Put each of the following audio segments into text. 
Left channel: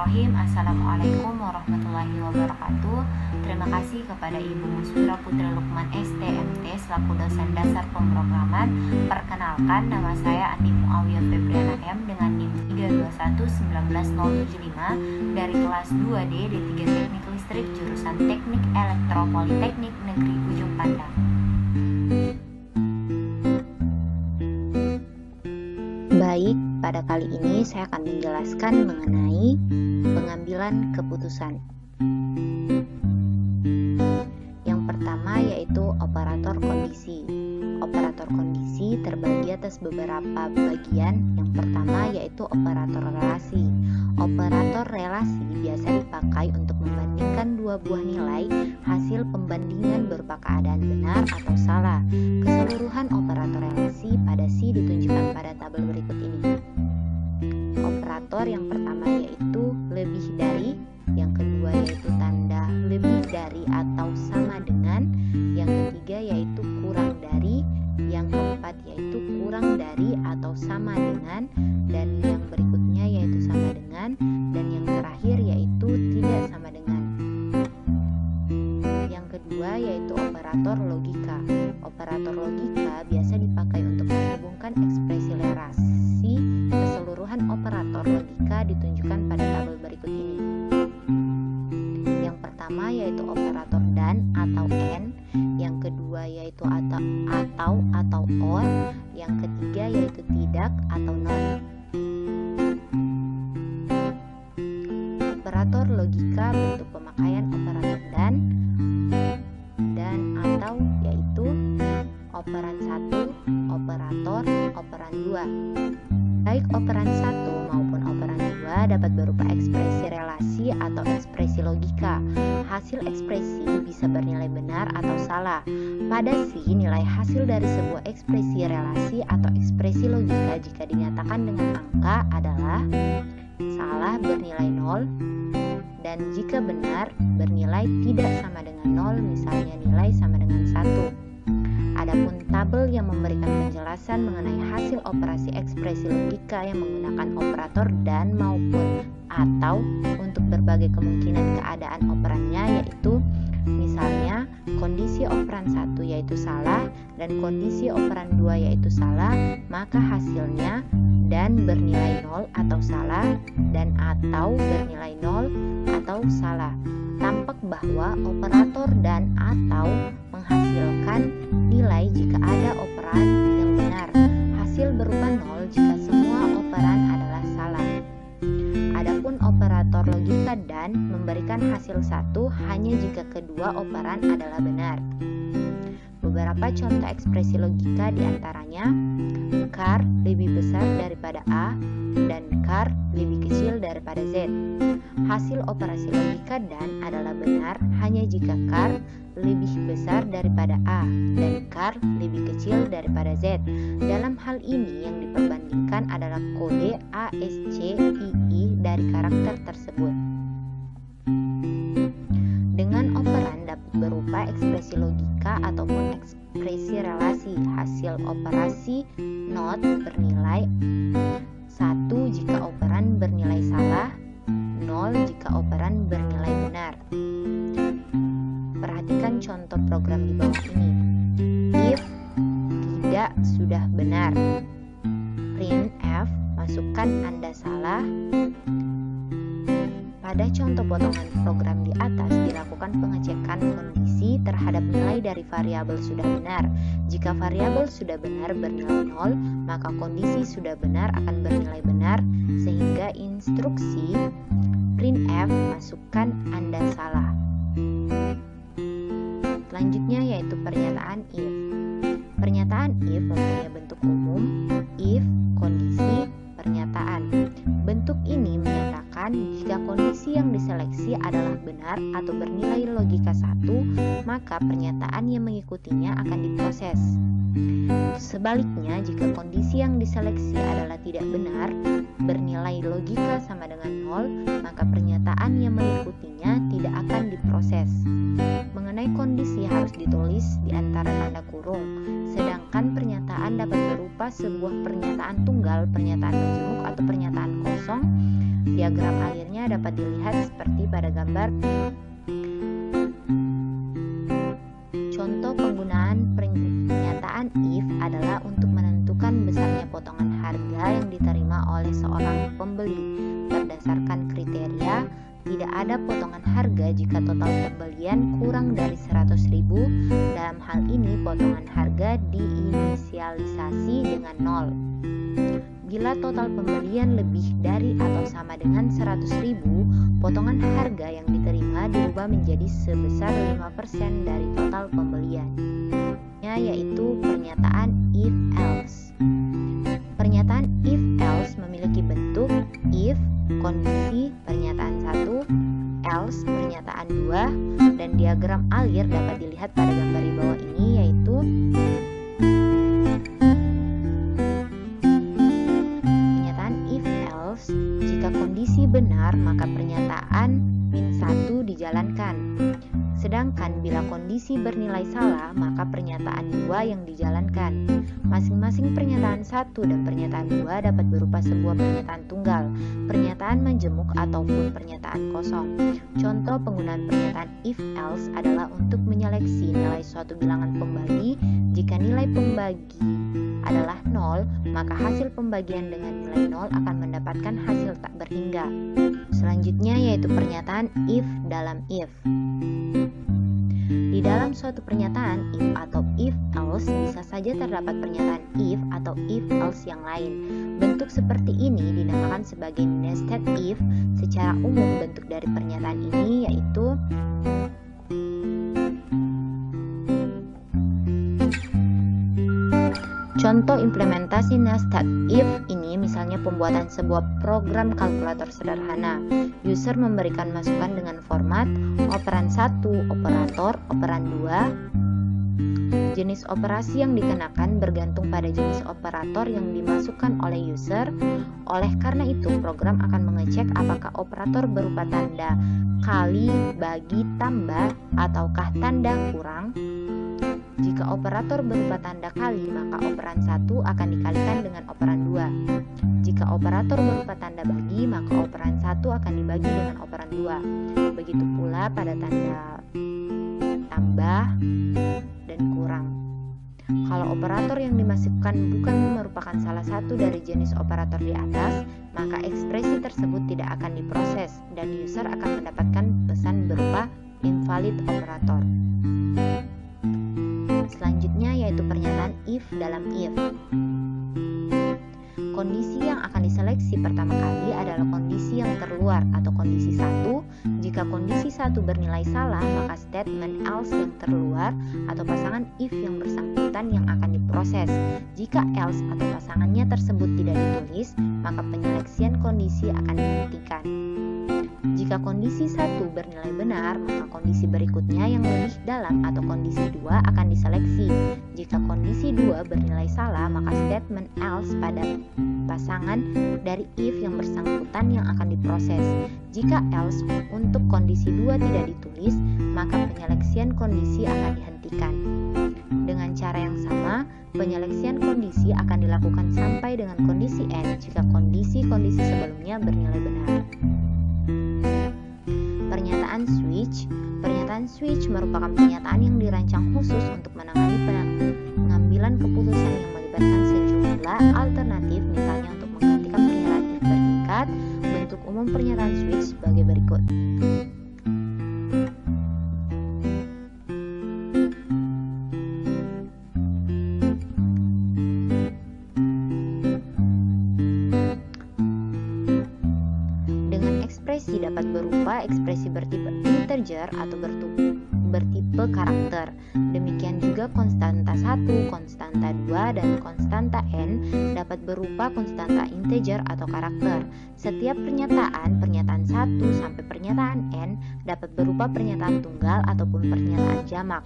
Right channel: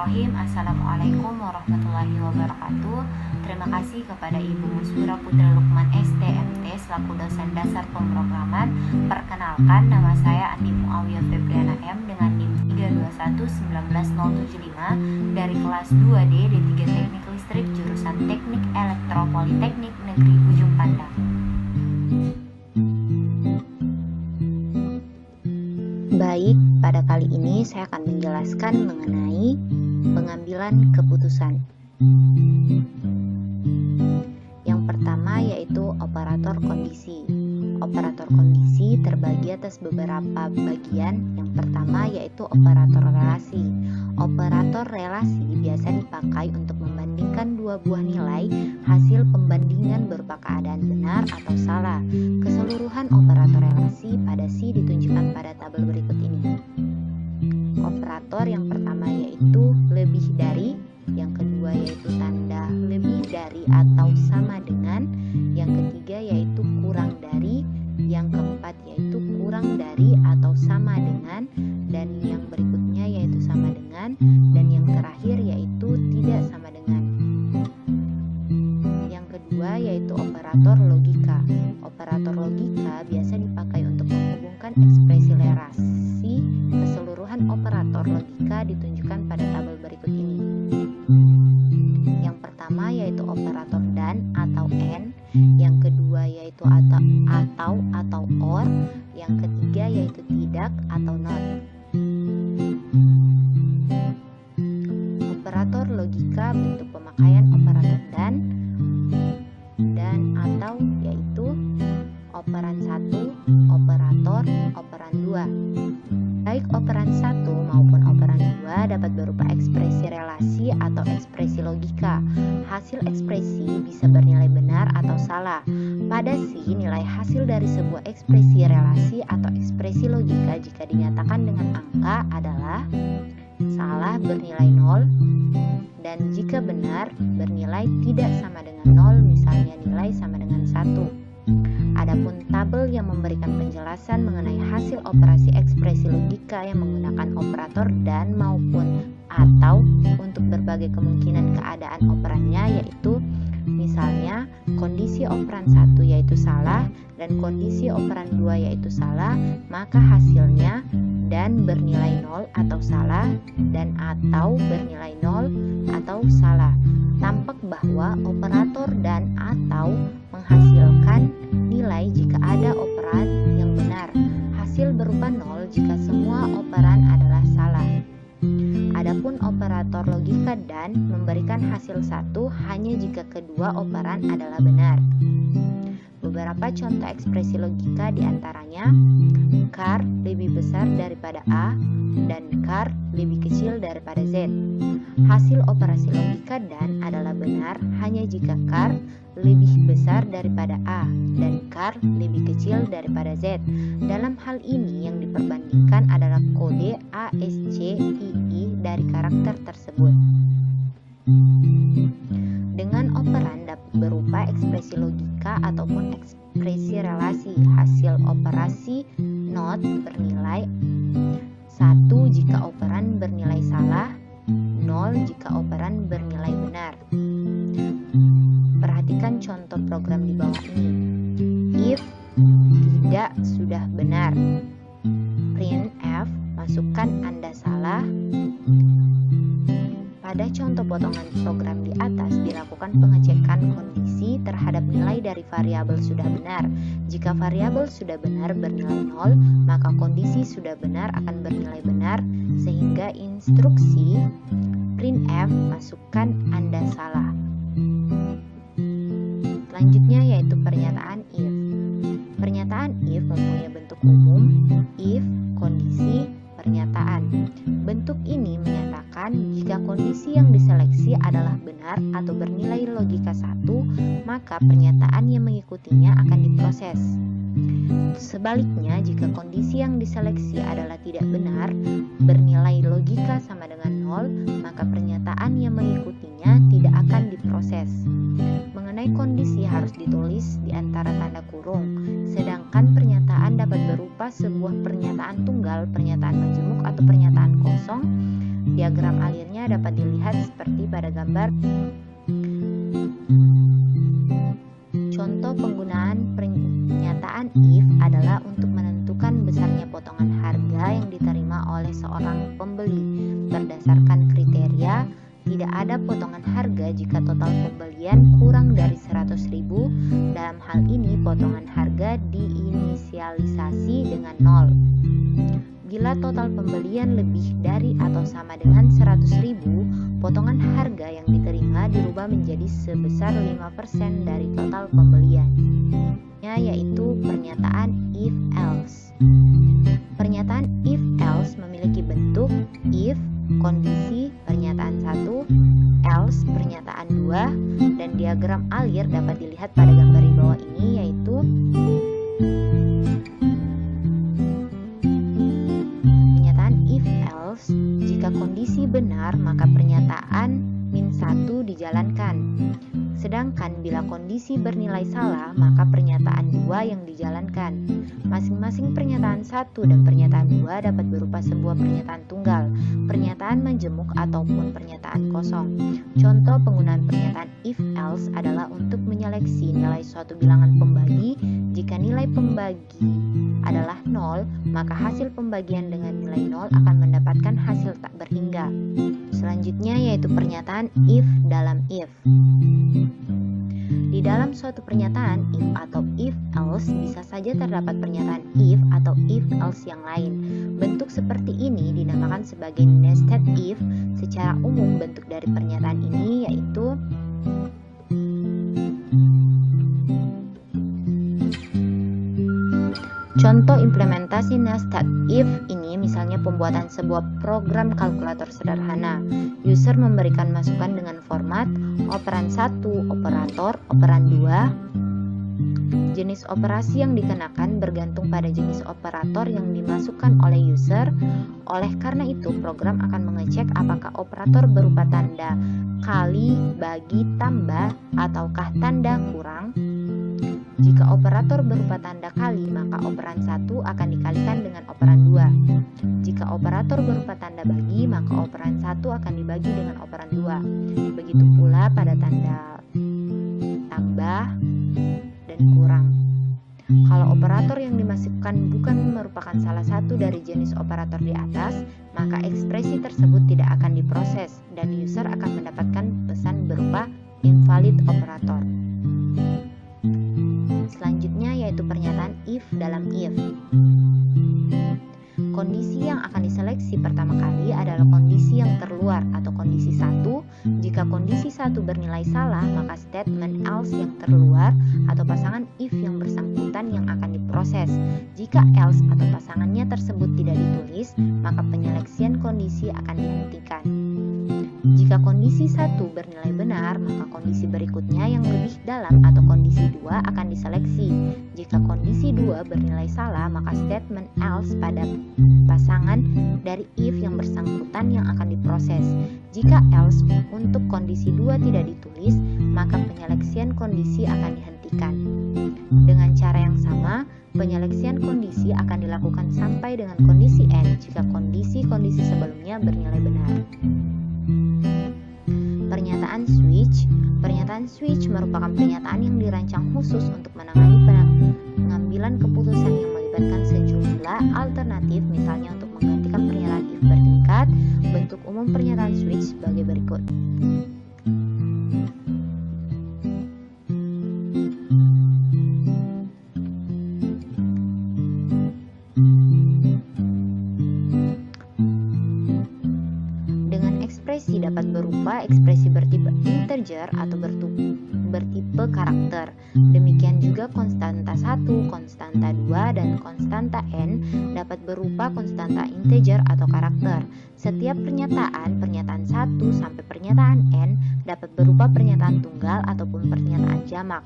Bismillahirrahmanirrahim. Assalamualaikum warahmatullahi wabarakatuh. Terima kasih kepada Ibu Muswira Putri Lukman STMT selaku dosen dasar pemrograman. Perkenalkan, nama saya Andi Muawiyah Febriana M dengan NIM 321-19075 dari kelas 2D D3 Teknik Listrik jurusan Teknik Elektro Politeknik Negeri Ujung Pandang. Baik, pada kali ini saya akan menjelaskan mengenai pengambilan keputusan. Yang pertama yaitu operator kondisi. Operator kondisi terbagi atas beberapa bagian. Yang pertama yaitu operator relasi. Operator relasi biasa dipakai untuk membandingkan dua buah nilai hasil pembandingan berupa keadaan benar atau salah. Keseluruhan operator relasi pada Si ditunjukkan pada tabel berikut ini. Operator yang pertama yaitu lebih dari, yang kedua yaitu tanda lebih dari atau sama dengan, yang ketiga yaitu kurang dari, yang keempat yaitu kurang dari atau sama dengan, dan yang berikutnya yaitu sama dengan, dan yang terakhir yaitu tidak sama dengan. Yang kedua yaitu operator logika. Operator logika biasa dipakai untuk menghubungkan ekspresi relasi. Keseluruhan operator logika ditunjukkan pada tabel berikut ini. Yang pertama yaitu operator dan atau and, yang kedua yaitu atau or, yang ketiga yaitu tidak atau not. Operator logika bentuk pemakaian operator dan atau yaitu operan 1, operator, operan 2. Baik operan 1 maupun operan 2 dapat berupa ekspresi relasi atau ekspresi logika. Hasil ekspresi bisa bernilai benar atau salah. Pada Si, nilai hasil dari sebuah ekspresi relasi atau ekspresi logika jika dinyatakan dengan angka adalah salah bernilai 0, dan jika benar bernilai tidak sama dengan 0, misalnya nilai sama dengan 1. Adapun tabel yang memberikan penjelasan mengenai hasil operasi ekspresi logika yang menggunakan operator dan maupun atau untuk berbagai kemungkinan keadaan operannya, yaitu misalnya kondisi operan 1 yaitu salah dan kondisi operan 2 yaitu salah, maka hasilnya dan bernilai 0 atau salah dan atau bernilai 0 atau salah. Tampak bahwa operator dan atau menghasilkan nilai jika ada operan yang benar. Hasil berupa 0 jika semua operan adalah salah. Adapun operator logika dan memberikan hasil 1 hanya jika kedua operan adalah benar. Beberapa contoh ekspresi logika diantaranya car lebih besar daripada A dan car lebih kecil daripada Z. Hasil operasi logika dan adalah benar hanya jika car lebih besar daripada A dan car lebih kecil daripada Z. Dalam hal ini yang diperbandingkan adalah kode ASCII dari karakter tersebut. Dengan operan dapat berupa ekspresi logika ataupun ekspresi relasi. Hasil operasi not bernilai 1 jika operan bernilai salah, 0 jika operan bernilai benar. Perhatikan contoh program di bawah ini. If tidak sudah benar, print F, masukkan Anda salah. Pada contoh potongan program di atas dilakukan pengecekan kondisi terhadap nilai dari variabel sudah benar. Jika variabel sudah benar bernilai 0, maka kondisi sudah benar akan bernilai benar, sehingga instruksi printf masukkan Anda salah. Selanjutnya yaitu pernyataan if. Pernyataan if mempunyai bentuk umum, if, kondisi, pernyataan. Bentuk ini menyatakan jika kondisi yang diseleksi adalah benar atau bernilai logika 1, maka pernyataan yang mengikutinya akan diproses. Sebaliknya, jika kondisi yang diseleksi adalah tidak benar, bernilai logika sama dengan 0, maka pernyataan yang mengikutinya tidak akan diproses. Mengenai kondisi harus ditulis di antara tanda kurung, sedangkan pernyataan dapat berupa sebuah pernyataan tunggal, pernyataan majemuk atau pernyataan kosong Diagram alirnya dapat dilihat seperti pada gambar. Contoh penggunaan pernyataan if adalah untuk menentukan besarnya potongan harga yang diterima oleh seorang pembeli. Berdasarkan kriteria, tidak ada potongan harga jika total pembelian kurang dari 100.000. Dalam hal ini, potongan harga diinisialisasi dengan 0. Bila total pembelian lebih dari atau sama dengan 100.000, potongan harga yang diterima dirubah menjadi sebesar 5% dari total pembelian, yaitu pernyataan if-else. Pernyataan if-else memiliki bentuk if, kondisi, pernyataan 1, else, pernyataan 2, dan diagram alir dapat dilihat pada gambar di bawah ini, yaitu if-else. Jika kondisi benar, maka pernyataan -1 dijalankan. Sedangkan bila kondisi bernilai salah, maka pernyataan 2 yang dijalankan. Masing-masing pernyataan 1 dan pernyataan 2 dapat berupa sebuah pernyataan tunggal, pernyataan majemuk ataupun pernyataan kosong. Contoh penggunaan pernyataan if-else adalah untuk menyeleksi nilai suatu bilangan pembagi. Jika nilai pembagi adalah 0, maka hasil pembagian dengan nilai 0 akan mendapatkan hasil tak berhingga. Selanjutnya yaitu pernyataan if dalam if. Di dalam suatu pernyataan if atau if else bisa saja terdapat pernyataan if atau if else yang lain. Bentuk seperti ini dinamakan sebagai nested if. Secara umum bentuk dari pernyataan ini yaitu contoh implementasi nested if ini misalnya pembuatan sebuah program kalkulator sederhana. User memberikan masukan dengan format operan 1, operator, operan 2. Jenis operasi yang dikenakan bergantung pada jenis operator yang dimasukkan oleh user. Oleh karena itu, program akan mengecek apakah operator berupa tanda kali, bagi, tambah, ataukah tanda kurang. Jika operator berupa tanda kali, maka operan 1 akan dikalikan dengan operan 2. Jika operator berupa tanda bagi, maka operan 1 akan dibagi dengan operan 2. Begitu pula pada tanda tambah dan kurang. Kalau operator yang dimasukkan bukan merupakan salah satu dari jenis operator di atas, maka ekspresi tersebut tidak akan diproses dan user akan mendapatkan pesan berupa invalid operator. Selanjutnya yaitu pernyataan if dalam if. Kondisi yang akan diseleksi pertama kali adalah kondisi yang terluar atau kondisi 1. Jika kondisi 1 bernilai salah, maka statement else yang terluar atau pasangan if yang bersangkutan yang akan diproses. Jika else atau pasangannya tersebut tidak ditulis, maka penyeleksian kondisi akan dihentikan. Jika kondisi 1 bernilai benar, maka kondisi berikutnya yang lebih dalam atau kondisi 2 akan diseleksi. Jika kondisi 2 bernilai salah, maka statement else pada pasangan dari if yang bersangkutan yang akan diproses. Jika else untuk kondisi 2 tidak ditulis, maka penyeleksian kondisi akan dihentikan. Dengan cara yang sama, penyeleksian kondisi akan dilakukan sampai dengan kondisi n jika kondisi-kondisi sebelumnya bernilai benar. Pernyataan switch. Pernyataan switch merupakan pernyataan yang dirancang khusus untuk menangani pengambilan keputusan yang melibatkan sejumlah alternatif, misalnya untuk menggantikan pernyataan if bertingkat. Bentuk umum pernyataan switch sebagai berikut. Ekspresi dapat berupa ekspresi bertipe integer atau bertipe karakter. Demikian juga konstanta 1, konstanta 2, dan konstanta n dapat berupa konstanta integer atau karakter. Setiap pernyataan 1 sampai pernyataan n dapat berupa pernyataan tunggal ataupun pernyataan jamak.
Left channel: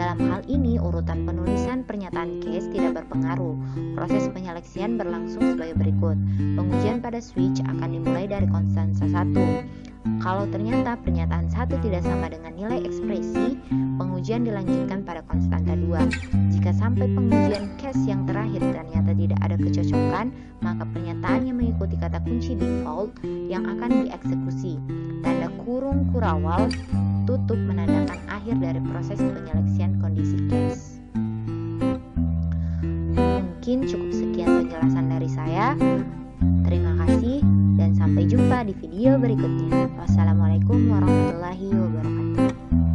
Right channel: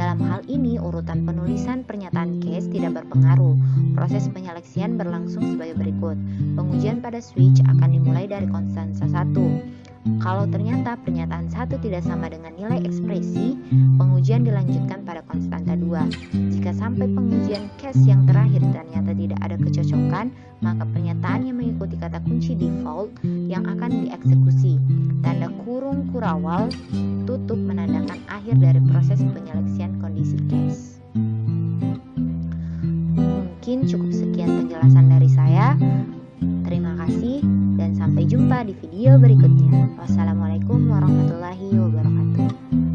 Dalam hal ini, urutan penulisan pernyataan case tidak berpengaruh. Proses penyeleksian berlangsung sebagai berikut. Pengujian pada switch akan dimulai dari konstanta 1. Kalau ternyata pernyataan 1 tidak sama dengan nilai ekspresi, pengujian dilanjutkan pada konstanta 2. Jika sampai pengujian case yang terakhir ternyata tidak ada kecocokan, maka pernyataan yang mengikuti kata kunci default yang akan dieksekusi. Tanda kurung kurawal tutup menandakan akhir dari proses penyeleksian kondisi case. Mungkin cukup sekian penjelasan dari saya. Terima kasih dan sampai jumpa di video berikutnya. Wassalamualaikum warahmatullahi wabarakatuh.